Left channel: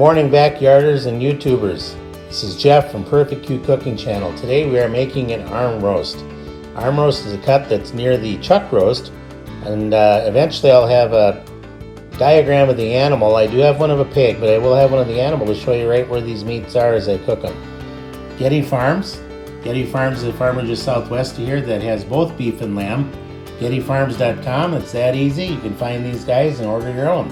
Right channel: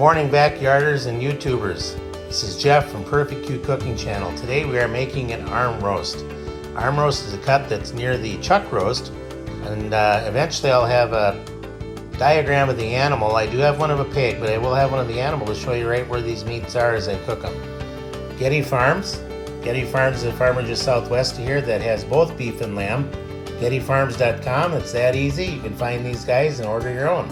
Morning backyarders and YouTubers. This is Jeff from Perfect Cooking Channel. Today we are making an arm roast. Arm roast is a cut that's near the chuck roast, and eventually I'll have a diagram of the animal. I do have one of a pig, but I will have one of the animal to show you right where these meats are as I cook them. Getty Farms. Getty Farms is a farmer just southwest of here that has both beef and lamb. GettyFarms.com. It's that easy. You can find these guys and order your own.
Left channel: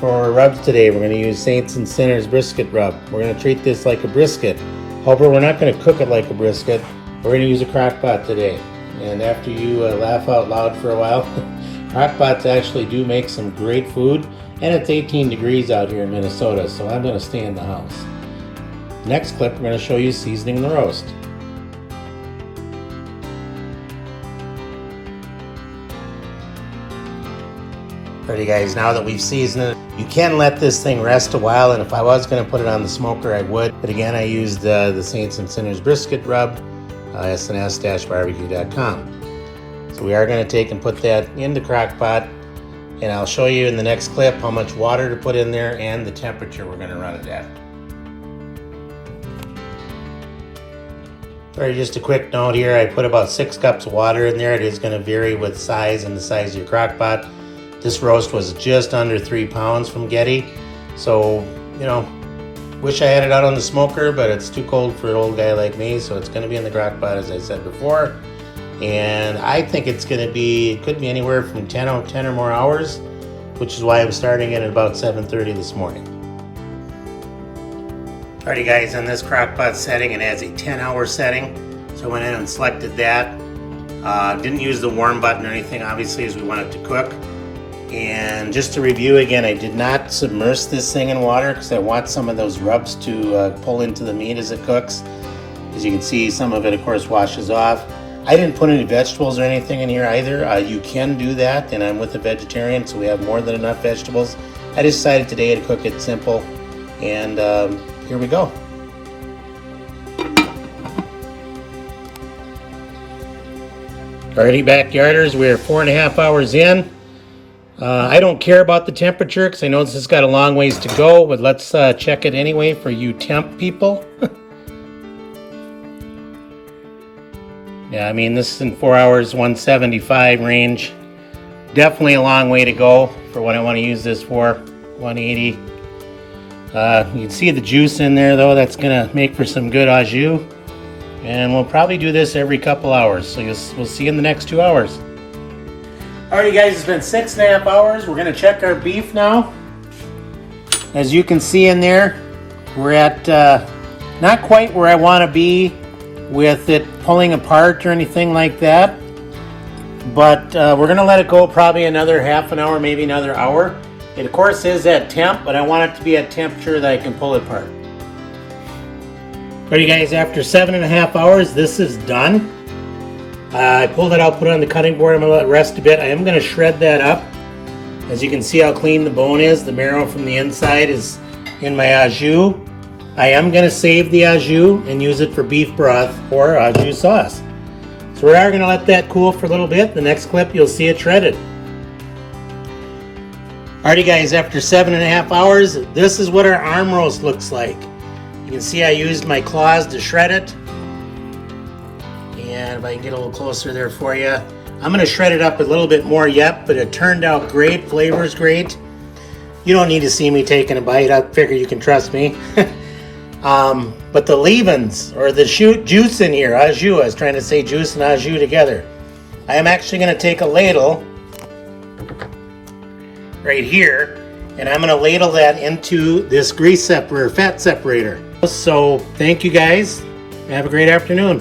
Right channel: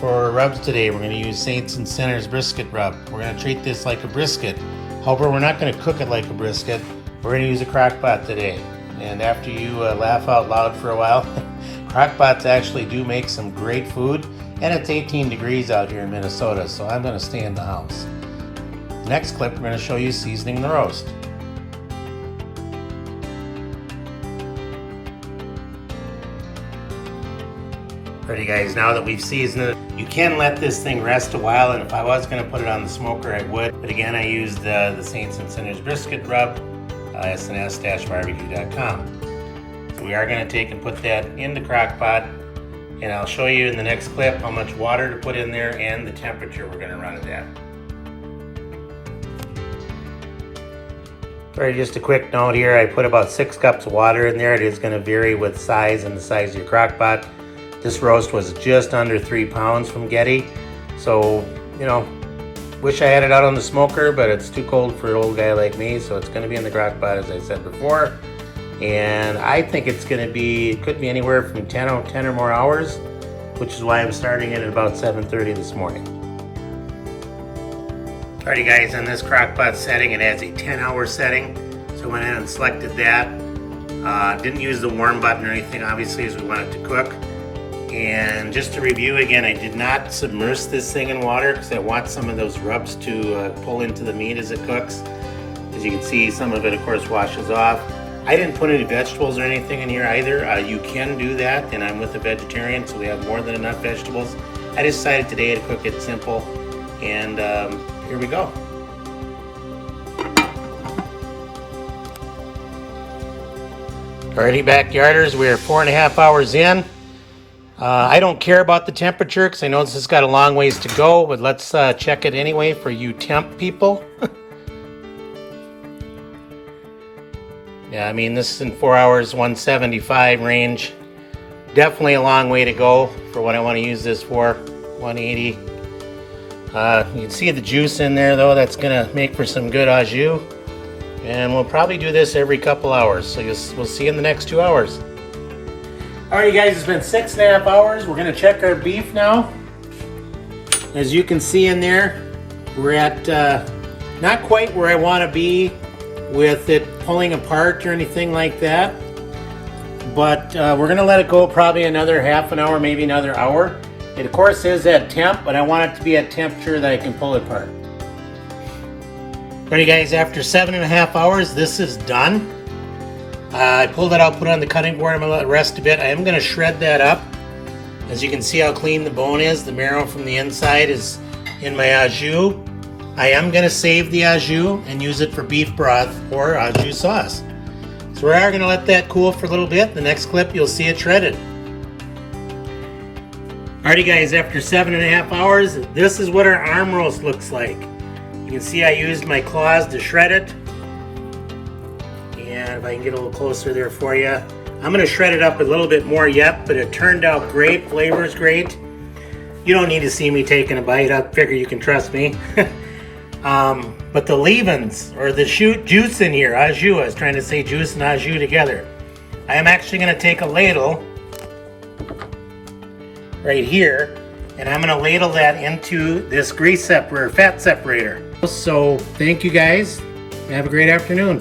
For rubs today, we're going to use Saints and Sinners brisket rub. We're going to treat this like a brisket. However, we're not going to cook it like a brisket. We're going to use a Crockpot today. And after you laugh out loud for a while, Crockpots actually do make some great food. And it's 18 degrees out here in Minnesota, so I'm going to stay in the house. Next clip, we're going to show you seasoning the roast. Alrighty guys, now that we've seasoned it, you can let this thing rest a while, and if I was going to put it on the smoker I would, but again I used the Saints and Sinners brisket rub, sns-barbecue.com. So we are going to take and put that in the crock pot, and I'll show you in the next clip how much water to put in there and the temperature we're going to run it at. Alright, just a quick note here, I put about 6 cups of water in there. It is going to vary with size and the size of your crock pot. This roast was just under 3 pounds from Getty, so, you know, wish I had it out on the smoker, but it's too cold for an old guy like me, so it's going to be in the crock pot, as I said before. And I think it's going to be, it could be anywhere from 10 or more hours, which is why I'm starting it at about 7:30 this morning. Alrighty guys, on this crock pot setting, it has a 10-hour setting, so I went in and selected that. Didn't use the warm button or anything, obviously, as we want it to cook. And just to review again, I did not submerge this thing in water because I want some of those rubs to pull into the meat as it cooks. As you can see, some of it of course washes off. I didn't put any vegetables or anything in here either. You can do that, and I'm with a vegetarian, so we have more than enough vegetables. I decided today to cook it simple, and here we go. Alrighty backyarders, we're 4.5 hours in. I don't care about the temperature because I know this has got a long ways to go, but let's check it anyway for you temp people. Yeah, I mean, this is in 4 hours, 175 range. Definitely a long way to go for what I want to use this for, 180. You can see the juice in there though. That's going to make for some good au jus. And we'll probably do this every couple hours, so we'll see you in the next 2 hours. Alrighty guys, it's been 6.5 hours. We're going to check our beef now. As you can see in there, we're at not quite where I want to be with it pulling apart or anything like that. But we're going to let it go probably another half an hour, maybe another hour. It of course is at temp, but I want it to be at temperature that I can pull it apart. Alrighty guys, after 7.5 hours, this is done. I pulled it out, put it on the cutting board. I'm going to let it rest a bit. I am going to shred that up. As you can see how clean the bone is. The marrow from the inside is in my au jus. I am going to save the au jus and use it for beef broth or au jus sauce. So we are going to let that cool for a little bit. The next clip you'll see it shredded. Alrighty guys, after 7.5 hours, this is what our arm roast looks like. You can see I used my claws to shred it. And if I can get a little closer there for you, I'm going to shred it up a little bit more yet, but it turned out great. Flavor is great. You don't need to see me taking a bite. I figure you can trust me. But the leavings, or the juice in here, au jus, I was trying to say juice and au jus together. I am actually going to take a ladle right here, and I'm going to ladle that into this grease separator, fat separator. So thank you guys. Have a great afternoon.